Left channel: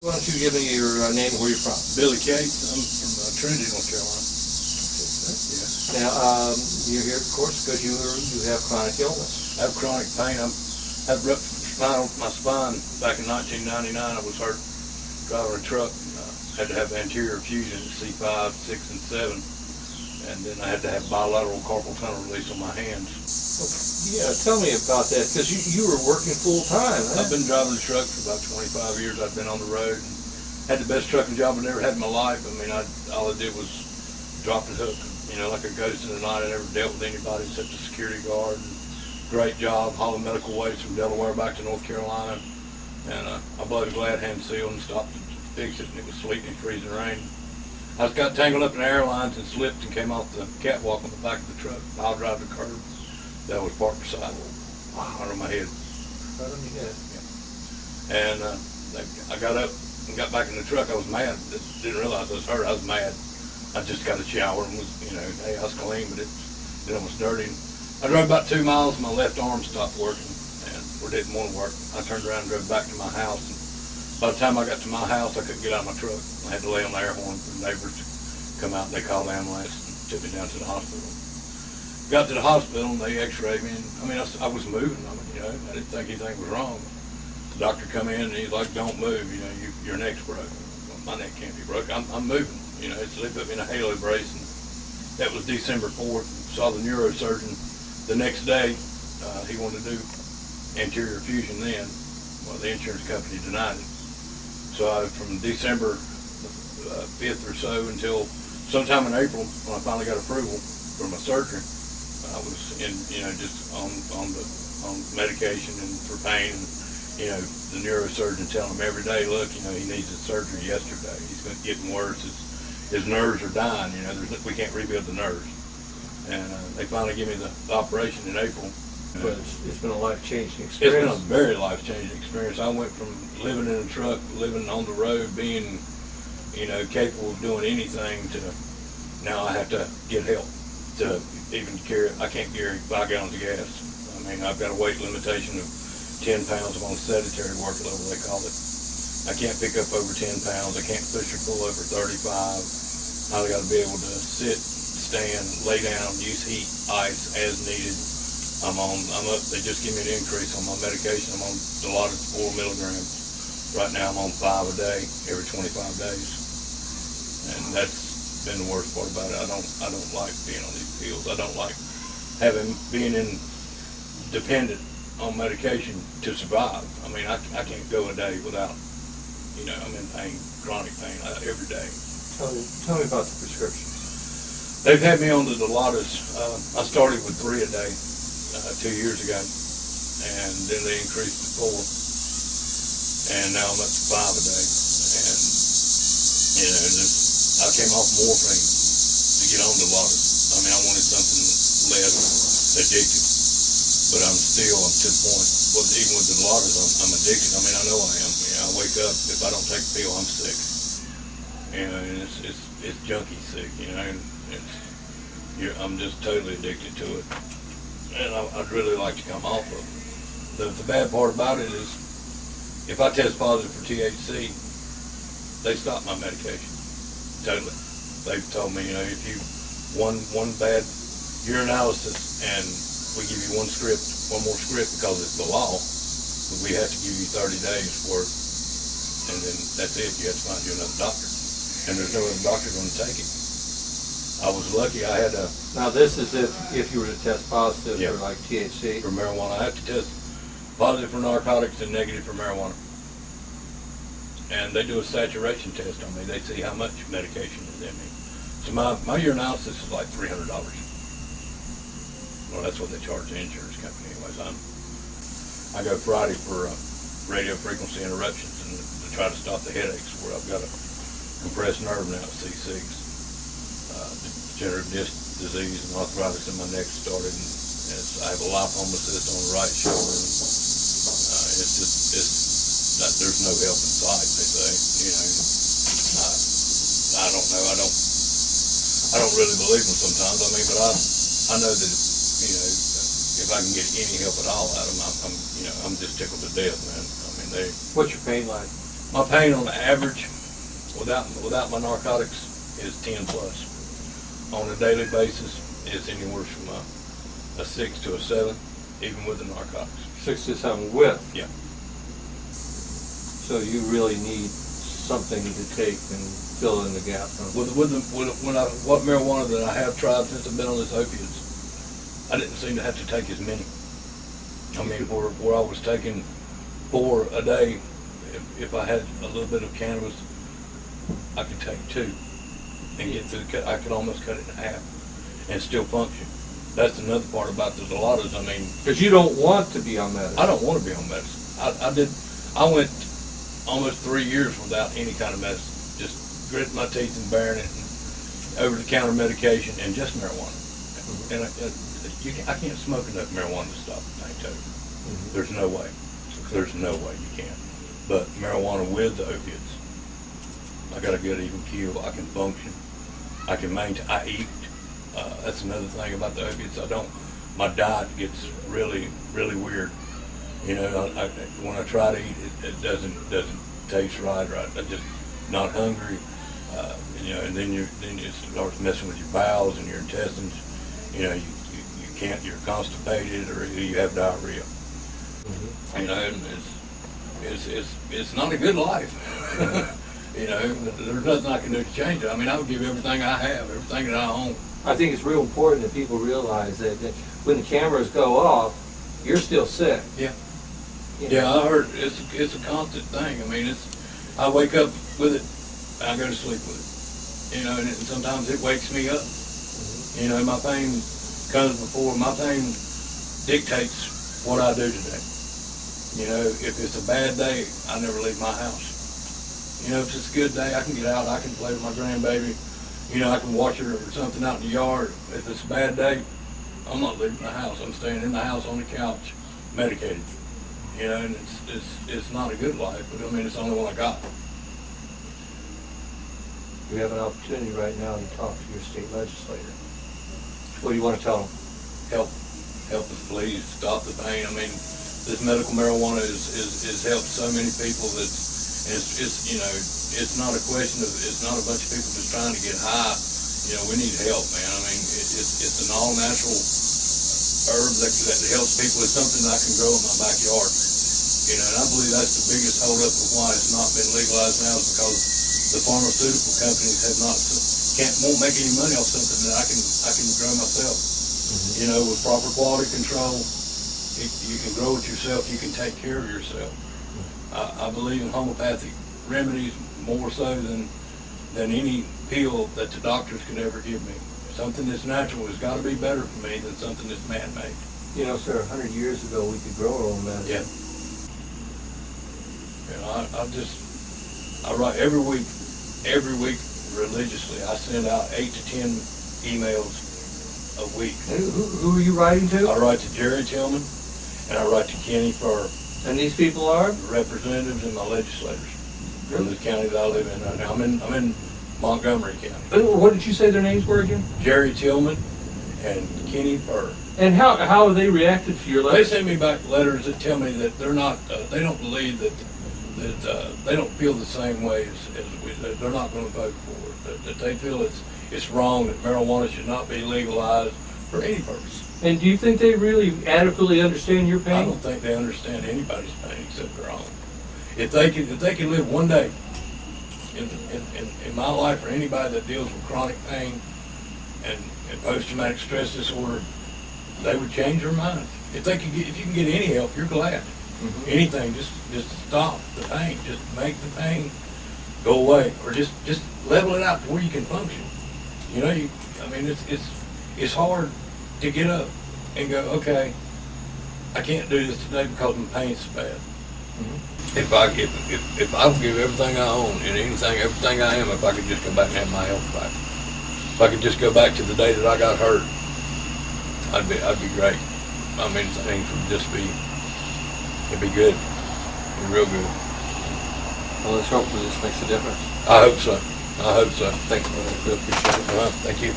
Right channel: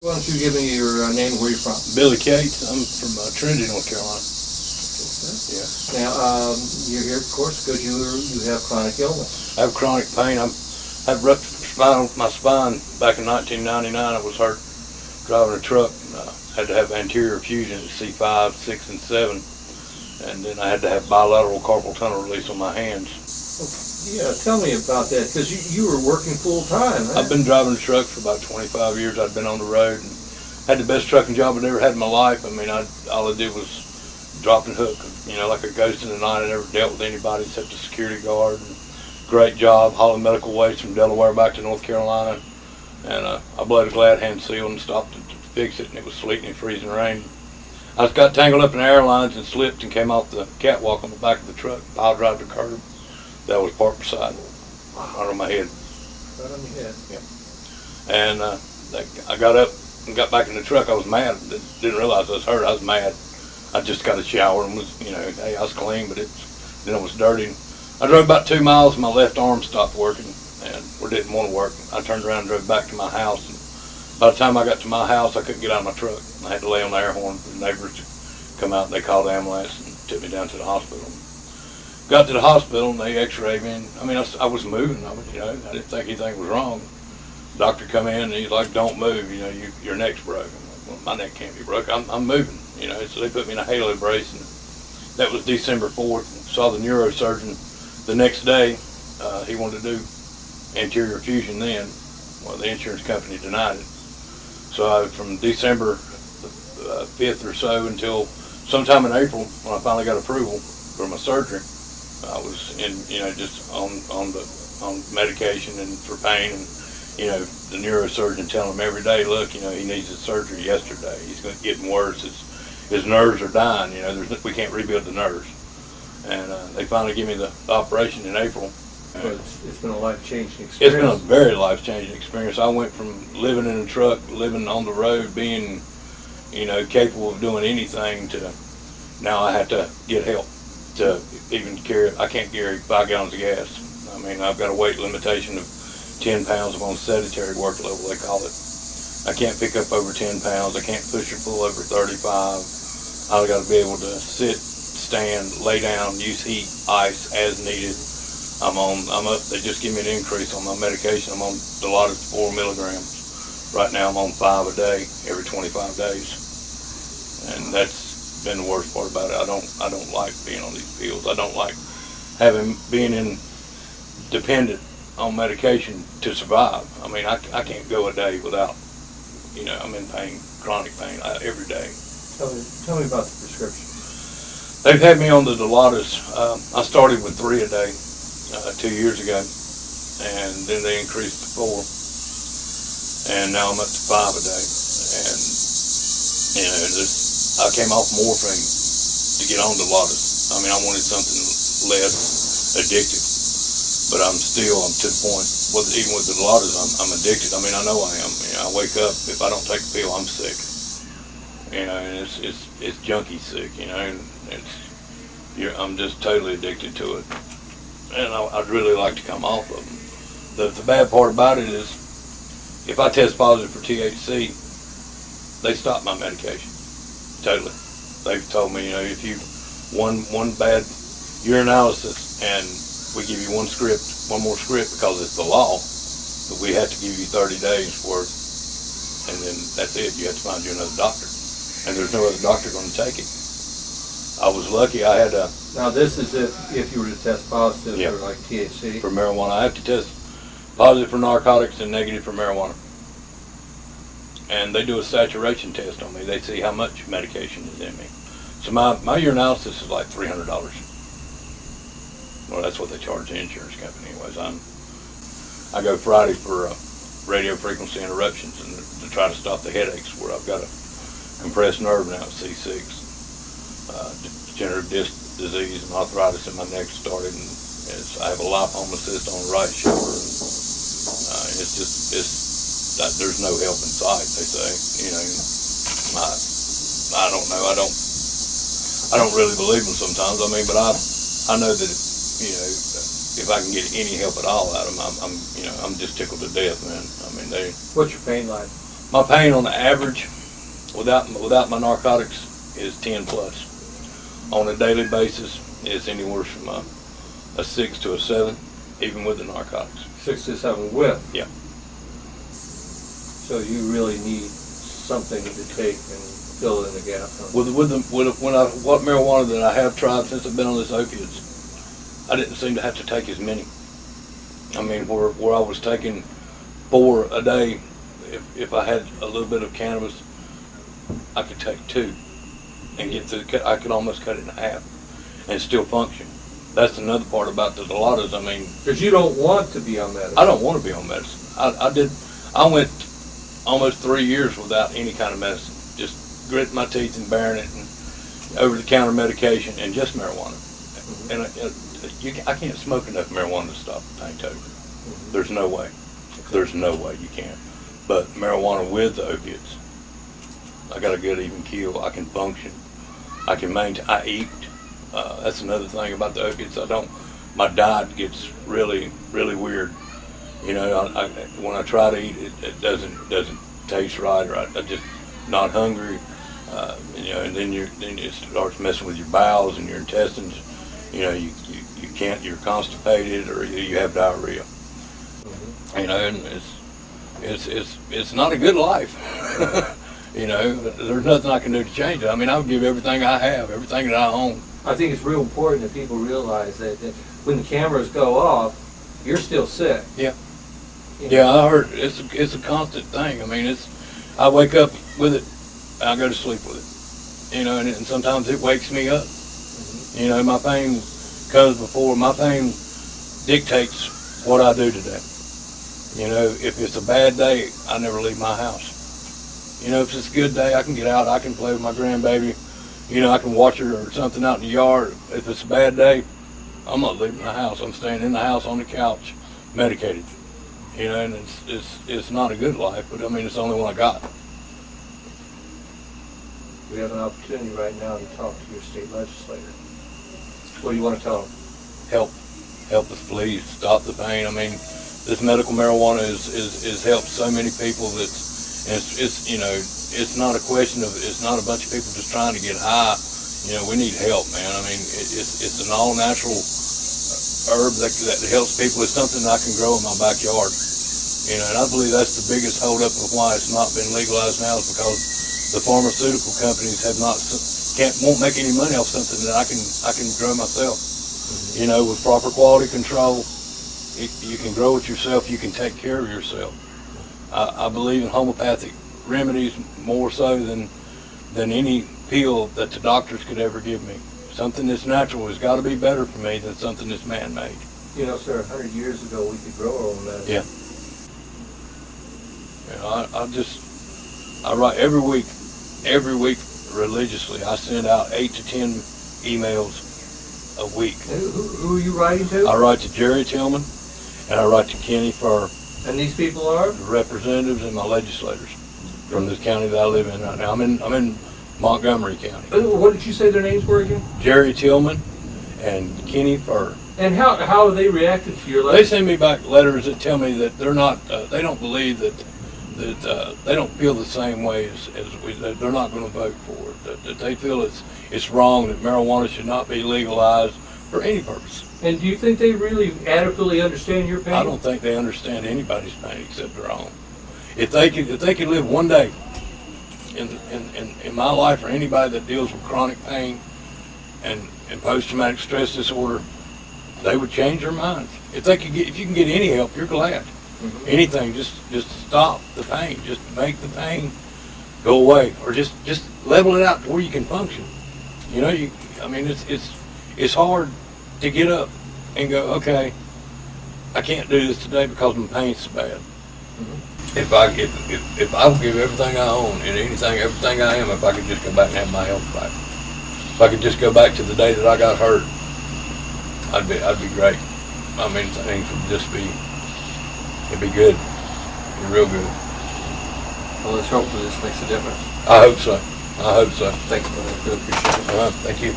Why don't you give me your name and where you're from? Billy Cates. I'm from Trinity, North Carolina. Okay, now, you're here, of course, because you have chronic illness. I have chronic pain. I had ruptured my spine back in 1999. I was hurt driving a truck. Had to have anterior fusion at C5, 6, and 7. And then I had to have bilateral carpal tunnel release on my hands. Yeah, tell me about that, because you were working full time, huh? I've been driving a truck for about 25 years. I've been on the road and had the best trucking job I've ever had in my life. I mean, all I did was drop and hook, like a ghost in the night. I never dealt with anybody except the security guard. And great job, hauling medical waste from Delaware back to North Carolina. And I blowed a glad hand seal and stopped to fix it, and it was sleeting and freezing rain. I got tangled up in airlines and slipped and came off the catwalk on the back of the truck, pile drive the curb. That was parked beside me, under my head. Right on your head. Yeah. And I got up and got back in the truck. I was mad. Didn't realize I was hurt. I was mad. I just got a shower and was, hey, I was clean, but then it was dirty. I drove about 2 miles and my left arm stopped working and didn't want to work. I turned around and drove back to my house. And by the time I got to my house, I couldn't get out of my truck. I had to lay on the air horn for the neighbors to come out. They called the ambulance and took me down to the hospital. Got to the hospital and they x-rayed me. And, I was moving. I didn't think anything was wrong. The doctor come in and he's like, "Don't move. Your neck's broken." Well, my neck can't be broken. I'm moving. So they put me in a halo brace, and that was December 4th. Saw the neurosurgeon the next day. He wanted to do anterior fusion then. Well, the insurance company denied it. So from December 5th or so until sometime in April, when I finally got approval for my surgery, I was just on medication and for pain, and the neurosurgeon telling him every day, look, he needs his surgery yesterday. He's getting worse. His nerves are dying. We can't rebuild the nerves. And they finally give me the operation in April. But it's been a life-changing experience. It's been a very life-changing experience. I went from living in a truck, living on the road, being capable of doing anything, to now I have to get help to even carry. I can't carry 5 gallons of gas. I've got a weight limitation of 10 pounds. I'm on sedentary work level, they call it. I can't pick up over 10 pounds. I can't push or pull over 35. I've got to be able to sit, stand, lay down, use heat, ice as needed. I'm up. They just give me an increase on my medication. I'm on Dilaudid 4 milligrams. Right now I'm on 5 a day, every 25 days. And that's been the worst part about it. I don't like being on these pills. I don't like being dependent on medication to survive. I can't go a day without, I'm in pain, chronic pain, every day. Tell me about the prescription. They've had me on the Dilaudid. I started with 3 a day 2 years ago, and then they increased to 4, and now I'm up to 5 a day. And I came off morphine to get on Dilaudid. I wanted something less addictive, but I'm to the point. Even with the Dilaudid, I'm addicted. I know I am. I wake up, if I don't take a pill, I'm sick. And it's junkie sick. I'm just totally addicted to it. And I'd really like to come off of them. The bad part about it is, if I test positive for THC, they stop my medication. Totally. They've told me, if you one bad urinalysis and we give you one more script because it's the law, but we have to give you 30 days worth, and then that's it. You have to find you another doctor, and there's no other doctor going to take it. I was lucky. I had a. Now this is if you were to test positive for like THC. For marijuana, I have to test positive for narcotics and negative for marijuana. And they do a saturation test on me. They see how much medication is in me. So my urinalysis is like $300. Well, that's what they charge the insurance company anyways. I go Friday for radio frequency interruptions and to try to stop the headaches, where I've got a compressed nerve now at C6. Degenerative disc disease and arthritis in my neck started, and I have a lipoma cyst on the right shoulder. And there's no help in sight, they say. I don't know. I don't really believe them sometimes. But I know that if I can get any help at all out of them, I'm just tickled to death, man. What's your pain like? My pain on the average, without my narcotics, is 10 plus. On a daily basis, it's anywhere from a 6 to a 7, even with the narcotics. 6 to 7 with? Yeah. So you really need something to take and fill in the gap. Huh? What marijuana that I have tried since I've been on this opiates, I didn't seem to have to take as many. I mean, where I was taking 4 a day, if I had a little bit of cannabis, I could take 2 and get through. I could almost cut it in half and still function. That's another part about the Dilatos. I mean, because you don't want to be on medicine. I don't want to be on medicine. I went almost 3 years without any kind of medicine, just gritting my teeth and bearing it, and over-the-counter medication and just marijuana. And I can't smoke enough marijuana to stop the pain totally. There's no way. There's no way you can. But marijuana with the opiates, I got a good even keel. I can function. I can maintain. I eat. That's another thing about the opiates. My diet gets really, really weird. You know, when I try to eat, it doesn't taste right, or I just not hungry. You know, and then it starts messing with your bowels and your intestines. You know, you can't. You're constipated, or you have diarrhea. You know, and it's not a good life. You know, but there's nothing I can do to change it. I mean, I'll give everything I have, everything that I own. I think it's real important that people realize that when the cameras go off, you're still sick. Yeah. You know? Yeah, I heard it's a constant thing. I mean, I wake up with it, and I go to sleep with it. You know, and sometimes it wakes me up. You know, my pain comes before. My pain dictates what I do today. You know, if it's a bad day, I never leave my house. You know, if it's a good day, I can get out, I can play with my grandbaby. You know, I can watch her or something out in the yard. If it's a bad day, I'm not leaving the house. I'm staying in the house on the couch, medicated. You know, and it's not a good life, but I mean, it's the only one I got. We have an opportunity right now to talk to your state legislator. What do you want to tell them? Help us, please. Stop the pain. I mean, this medical marijuana is helped so many people that it's you know, it's not a question of, it's not a bunch of people just trying to get high. You know, we need help, man. I mean, it's an all natural herb that helps people. It's something that I can grow in my backyard. You know, and I believe that's the biggest holdup of why it's not been legalized now, is because the pharmaceutical companies won't make any money off something that I can grow myself. You know, with proper quality control, you can grow it yourself. You can take care of yourself. I believe in homeopathic remedies more so than any pill that the doctors could ever give me. Something that's natural has got to be better for me than something that's man-made. You know, sir, 100 years ago we could grow our own medicine. Yeah. I write every week religiously. I send out 8 to 10 emails a week. Who are you writing to? I write to Jerry Tillman, and I write to Kenny for. And these people are? Representatives and my legislators from this county that I live in right now. I'm in Montgomery County. What did you say their names were again? Jerry Tillman and Kenny Furr. And how have they reacted to your letter? They send me back letters that tell me that they're not, they don't believe that they don't feel the same way as we, that they're not going to vote for it, that they feel it's wrong, that marijuana should not be legalized for any purpose. And do you think they really adequately understand your pain? I don't think they understand anybody's pain except their own. If they could live one day in my life, or anybody that deals with chronic pain and post-traumatic stress disorder, they would change their minds. If you can get any help, you're glad. Anything, just stop the pain. Just make the pain go away, or just level it out to where you can function. You know, I mean, it's hard to get up and go, okay, I can't do this today because my pain's so bad. If I give everything I own and everything I am, if I could just go back and have my health back, if I could just go back to the day that I got hurt, I'd be great. I mean, things would just be, it'd be good, it'd be real good. Well, let's hope that this makes a difference. I hope so. Thanks, brother. I really appreciate it. Thank you.